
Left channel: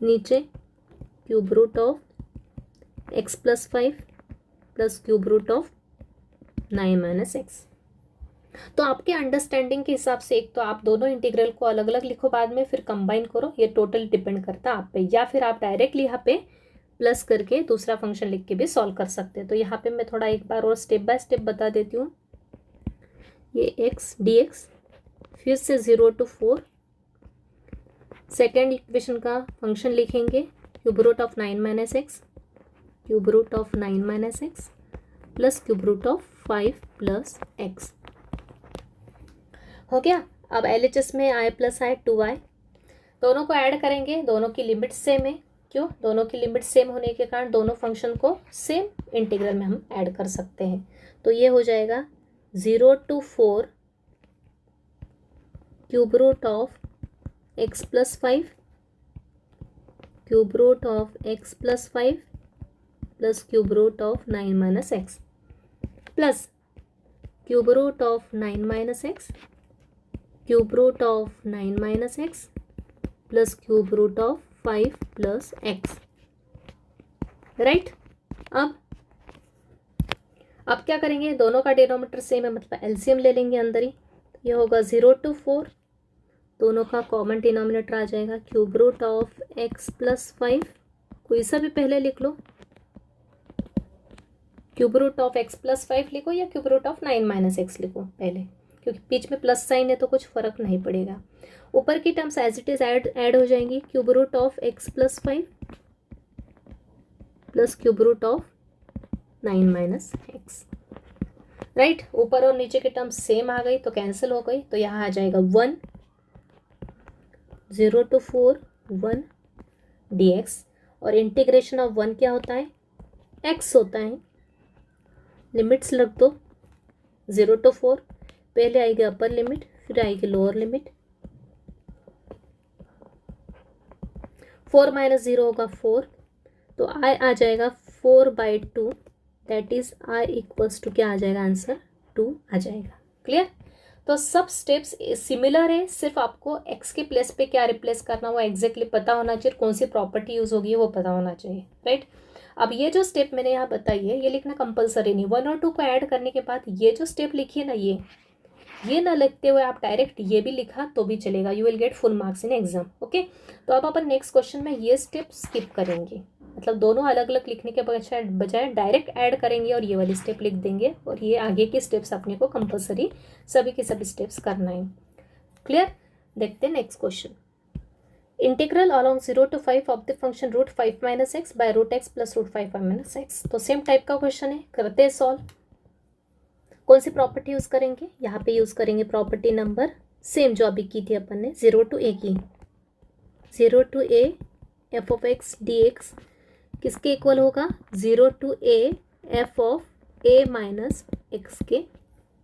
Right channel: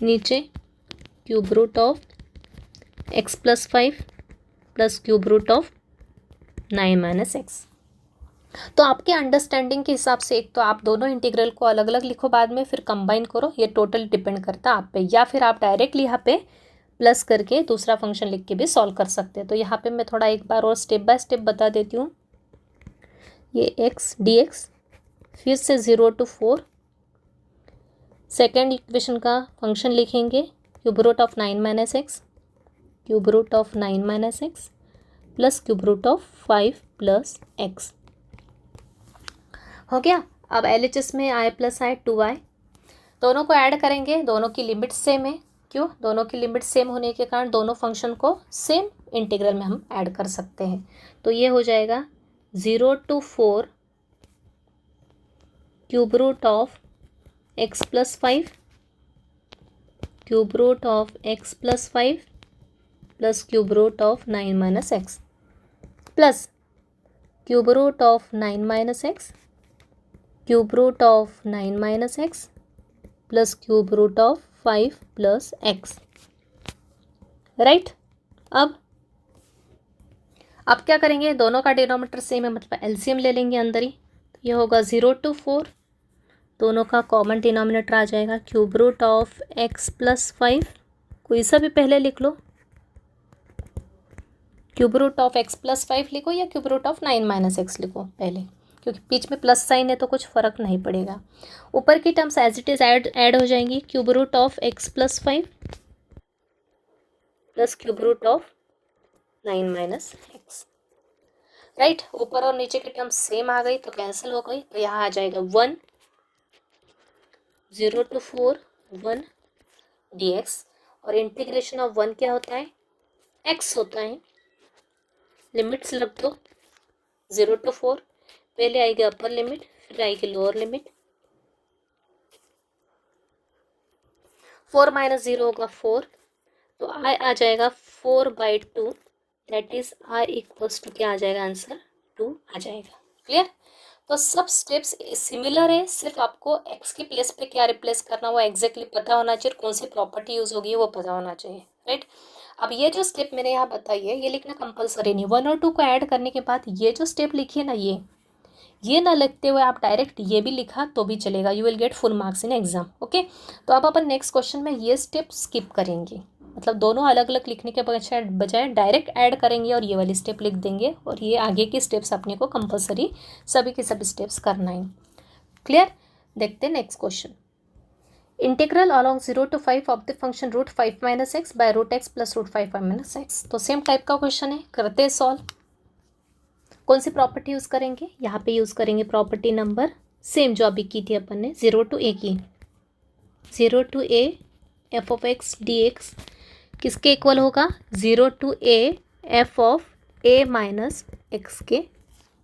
नीचे cube root of x + 5 plus cube root of 9 - x। तो आपके अंडरस्टैंडिंग के हिसाब से एक तो आप दोनों इंटीग्रल को अलग अलग लिखो, बाद में फिर कंबाइन करो, ये टोटल डिपेंड करता है आप पे, या फिर आप डायरेक्टली यहाँ पे प्लस करके दूसरा फंक्शन लिख के भी सॉल्व कर सकते हैं। तो यहाँ पे मैं थोड़ा एक बार और स्टेप बाय स्टेप बता देती हूँ। ये x dx, फिर से 0 to 4, सेकेंड इक्वेशन का फंक्शन लिखेंगे cube root of 9 - x, cube root of 9 - x plus cube root of 5 + x हो गया। अब LHS में I + I 2i, दोनों को ऐड करेंगे, दोनों की लिमिट सेम है, क्यों, दोनों की लिमिट सेम होने के कारण दोनों फंक्शन को सेम इंटीग्रल में हम ऐड कर सकते हैं। तो ये हो जाएगा 0 to 4 cube root of x + 5, cube root of x + 5 plus cube root of 9 - x plus cube root of 9 - x, cube root of 9 - x plus cube root of 5 + x, right. अब क्या करेंगे, दोनों का डिनोमिनेटर सेम है, मतलब LCM ले लेंगे अंदर ही, ये होगा 0 to 4, दोनों का कॉमन डिनोमिनेटर आ जाएगा क्यूब रूट ऑफ x + 5, कोई सा भी पहले लिख लो, क्यूब रूट ऑफ x + 5 लिखो या क्यूब रूट ऑफ 9 - x लिखो पहले, क्योंकि बीच में प्लस साइन है तो कुछ फ़र्क नहीं पड़ेगा। ऊपर की terms as it is add हो जाएंगी, cube root of x + 5 plus cube root of 9 - x, right. ऊपर और नीचे की टर्म्स सेम आ गई तो कैंसिल हो गई, तो यहाँ आ जाएगा 1, 0 to 4 1 dx, और इंटीग्रेशन ऑफ 1 क्या होता है, x होता है, लिमिट्स रख दो 0 to 4, पहले आएगी अपर लिमिट फिर आएगी लोअर लिमिट, 4 - 0 होगा 4, तो I आ जाएगा 4/2, दैट इज I = क्या आ जाएगा आंसर 2 आ जाएगा। क्लियर? तो सब स्टेप्स सिमिलर है, सिर्फ आपको x के प्लेस पे क्या रिप्लेस करना वो एग्जैक्टली पता होना चाहिए, कौन सी प्रॉपर्टी यूज़ होगी वो पता होना चाहिए, राइट। अब ये जो स्टेप मैंने यहाँ बताई है ये लिखना कंपलसरी नहीं, 1 और 2 को ऐड करने के बाद ये जो स्टेप लिखी है ना, ये ना लिखते हुए आप डायरेक्ट ये भी लिखा तो भी चलेगा, you will get full marks in exam, okay. तो अब अपन नेक्स्ट क्वेश्चन में ये स्टेप स्किप करेंगे, मतलब दोनों अलग अलग लिखने के बजाय डायरेक्ट ऐड करेंगे और ये वाली स्टेप लिख देंगे, और ये आगे की स्टेप्स अपने को कंपलसरी सभी के सभी स्टेप्स करना है। क्लियर? देखते हैं next question. Integral along 0 to 5 of the function root 5 minus x by root x plus root 5 minus x. तो सेम टाइप का क्वेश्चन है, करते हैं सॉल्व। कौन सी प्रॉपर्टी यूज़ करेंगे? यहाँ पे यूज़ करेंगे प्रॉपर्टी नंबर सेम जो अभी की थी अपन ने, 0 to a की। 0 to a f of x D x किसके इक्वल होगा? 0 to a f of a minus x के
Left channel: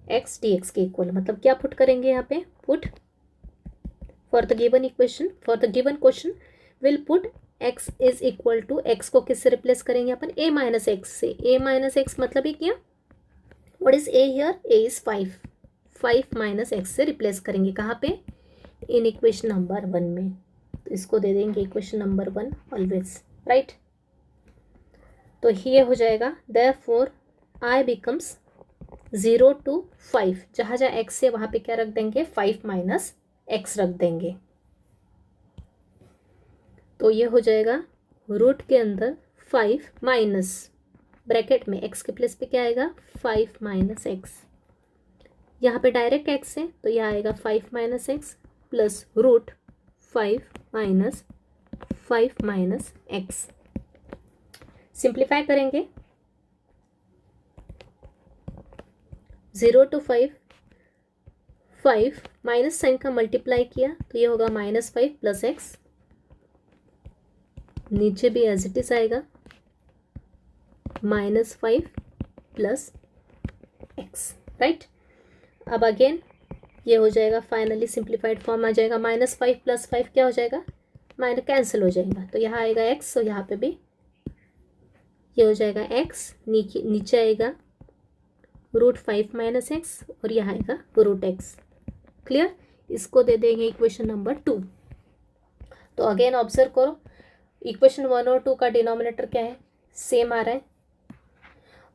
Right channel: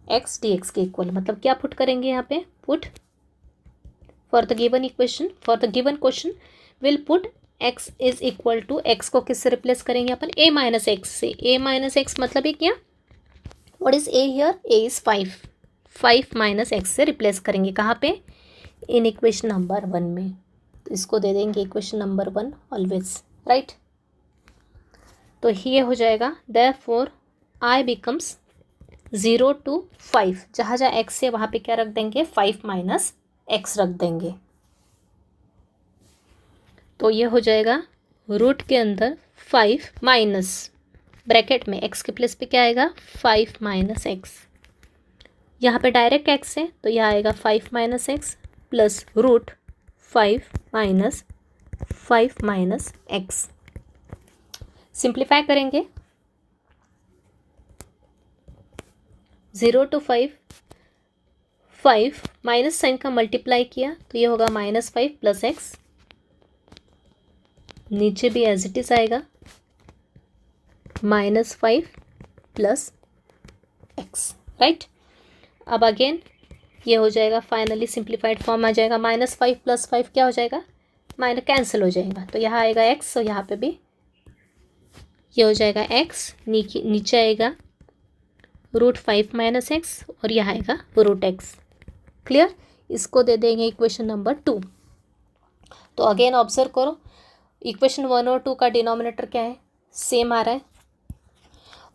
एक्स डी एक्स के इक्वल। मतलब क्या पुट करेंगे यहाँ पे? Put for the given equation, for the given question will put x is equal to, x को किससे रिप्लेस करेंगे अपन? a माइनस एक्स से। a माइनस एक्स मतलब ये क्या? What is a here? a is 5 minus x से replace करेंगे। कहाँ पे? इन इक्वेशन नंबर 1 में। तो इसको दे देंगे इक्वेशन नंबर 1 ऑलवेज, राइट। तो ये हो जाएगा देयरफॉर i बिकम्स 0 to 5, जहाँ जहाँ x है वहाँ पे क्या रख देंगे? 5 माइनस एक्स रख देंगे। तो ये हो जाएगा रूट के अंदर 5 माइनस ब्रैकेट में x के प्लेस पे क्या आएगा? 5 माइनस एक्स। यहाँ पे डायरेक्ट x है तो यह आएगा 5 minus x plus root 5 minus x. Simplify करेंगे 0 to 5 माइनस साइन का मल्टीप्लाई किया तो ये होगा -5 प्लस एक्स। नीचे भी एज इट इज आएगा -5 प्लस एक्स, राइट। अब अगेन ये हो जाएगा, फाइनली सिंप्लीफाइड फॉर्म आ जाएगा। -5 प्लस 5 क्या हो जाएगा? माइनस कैंसिल हो जाएगा। तो यहाँ आएगा एक्स, और यहाँ पे भी ये हो जाएगा एक्स, नीचे आएगा रूट 5 माइनस एक्स, और यहाँ आएगा रूट एक्स। क्लियर? इसको दे देंगे इक्वेशन नंबर 2। तो अगेन ऑब्जर्व करो, इक्वेशन 1 और 2 का डिनोमिनेटर क्या है? सेम आ रहा है,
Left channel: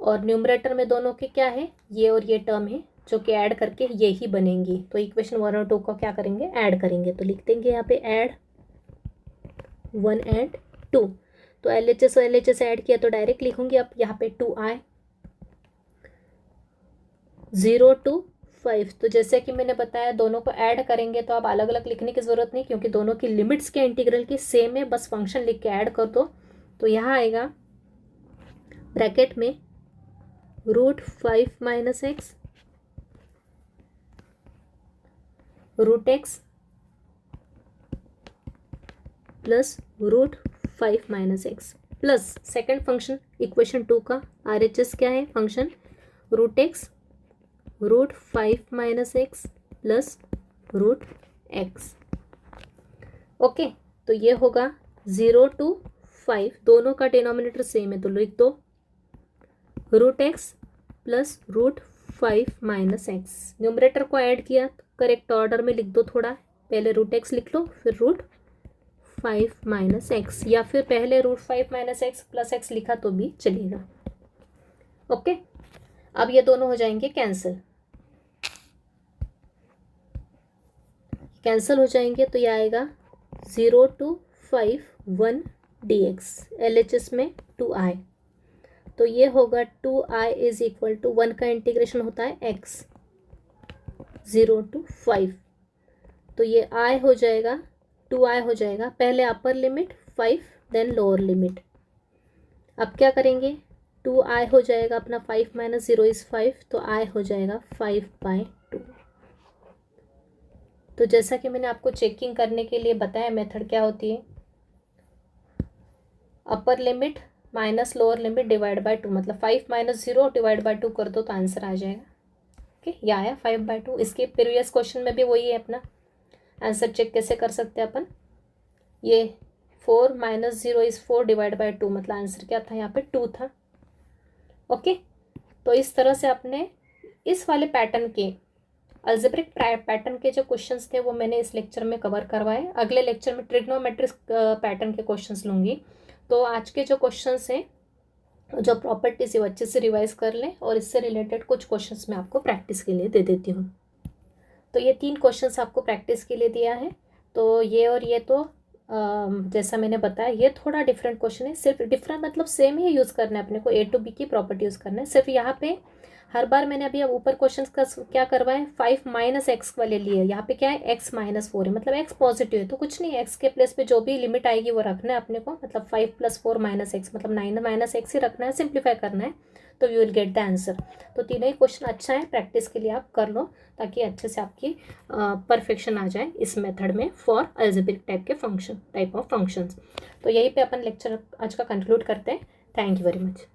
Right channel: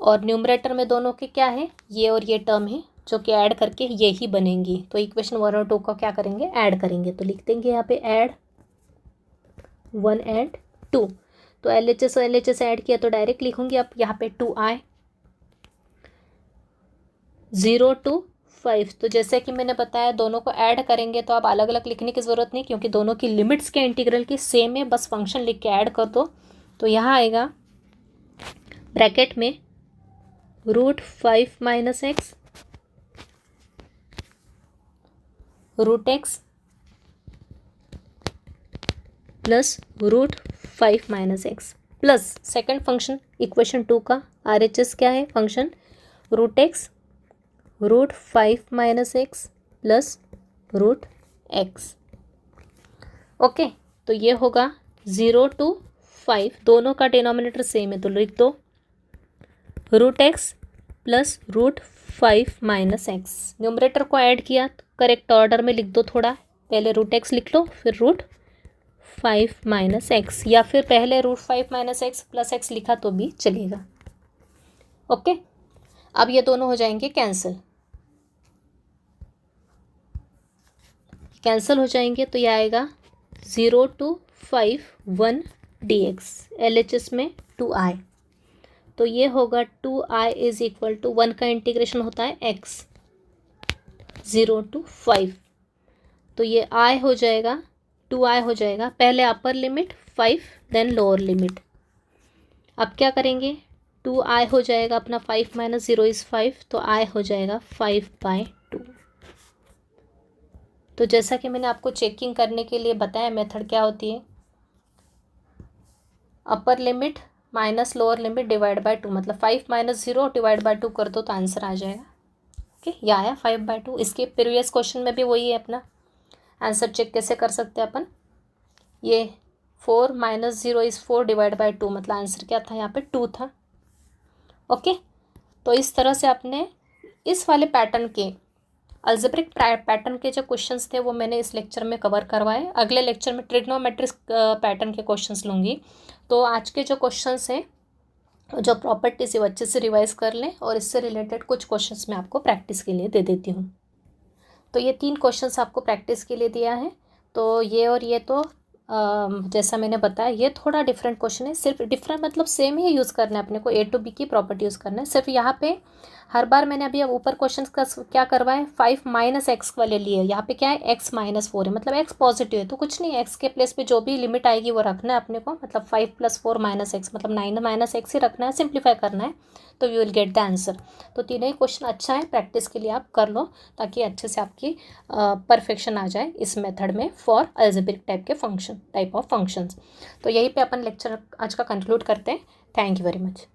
और न्यूमरेटर में दोनों के क्या है? ये और ये टर्म है, जो कि ऐड करके ये ही बनेंगी। तो इक्वेशन 1 और 2 को क्या करेंगे? ऐड करेंगे। तो लिख देंगे यहाँ पे ऐड 1 एंड 2। तो LHS और LHS ऐड किया तो डायरेक्ट लिखूंगी। अब यहाँ पे 2i 0 to 5। तो जैसे कि मैंने बताया दोनों को ऐड करेंगे तो अब अलग अलग लिखने की ज़रूरत नहीं, क्योंकि दोनों की लिमिट्स के इंटीग्रल की सेम है, बस फंक्शन लिख के ऐड कर दो। तो यहाँ आएगा ब्रैकेट में root 5 minus x root x plus root 5 minus x plus second function equation 2 का RHS क्या है? Function root x root 5 minus x plus root x. Okay, तो ये होगा 0 to 5, दोनों का डिनोमिनेटर सेम है तो लिख दो root x plus root 5 minus x. Numerator को ऐड किया तो करेक्ट ऑर्डर में लिख दो, थोड़ा पहले रूट एक्स लिख लो फिर रूट 5 माइनस एक्स, या फिर पहले root 5 minus x plus x लिखा तो भी चलेगा। ओके, अब ये दोनों हो जाएंगे कैंसिल हो जाएंगे। तो ये आएगा 0 to 5 1 dx, LHS में 2i। तो ये होगा 2i इज इक्वल टू 1 का इंटीग्रेशन होता है x 0 to 5। तो ये i हो जाएगा 2i हो जाएगा, पहले upper limit 5 then lower limit. अब क्या करेंगे? 2i हो जाएगा अपना 5 माइनस 0 इज़ 5, तो i हो जाएगा 5/2। तो जैसा कि मैंने आपको चेकिंग करने के लिए बताया मेथड क्या होती है, अपर limit minus lower limit divide by 2, मतलब 5 माइनस 0 डिवाइड बाय 2 कर दो तो आंसर आ जाएगा। ओके, ये आया 5/2। इसके प्रीवियस क्वेश्चन में भी वही है अपना आंसर। चेक कैसे कर सकते हैं अपन? ये 4 माइनस 0 इज़ 4 डिवाइड बाय 2, मतलब आंसर क्या था यहाँ पे? 2 था। ओके, तो इस तरह से आपने इस वाले पैटर्न के अलजेब्रिक पैटर्न के जो क्वेश्चंस थे वो मैंने इस लेक्चर में कवर करवाए। अगले लेक्चर में ट्रिग्नोमेट्रिक पैटर्न के क्वेश्चंस लूँगी। तो आज के जो क्वेश्चंस हैं, जो प्रॉपर्टीज है, वो अच्छे से रिवाइज कर लें, और इससे रिलेटेड कुछ क्वेश्चंस मैं आपको प्रैक्टिस के लिए दे देती हूँ। तो ये 3 क्वेश्चंस आपको प्रैक्टिस के लिए दिया है। तो ये और ये तो जैसा मैंने बताया ये थोड़ा डिफरेंट क्वेश्चन है, सिर्फ डिफरेंट मतलब सेम ही यूज़ करना है अपने को, ए टू बी की प्रॉपर्टी यूज़ करना है। सिर्फ यहाँ पे हर बार मैंने अभी अब ऊपर क्वेश्चन का क्या करवाए, 5 माइनस एक्स वाले लिए, यहाँ पे क्या है x माइनस 4 है, मतलब x पॉजिटिव है तो कुछ नहीं, x के प्लेस पे जो भी लिमिट आएगी वो रखना है अपने को, मतलब 5 + 4 माइनस एक्स मतलब 9 माइनस एक्स ही रखना है, सिंप्लीफाई करना है, तो we will get the answer. तो तीनों ही क्वेश्चन अच्छा है, प्रैक्टिस के लिए आप कर लो ताकि अच्छे से आपकी परफेक्शन आ जाए इस मेथड में for algebraic type of functions. तो यहीं पे अपन लेक्चर आज का कंक्लूड करते हैं। Thank you very much.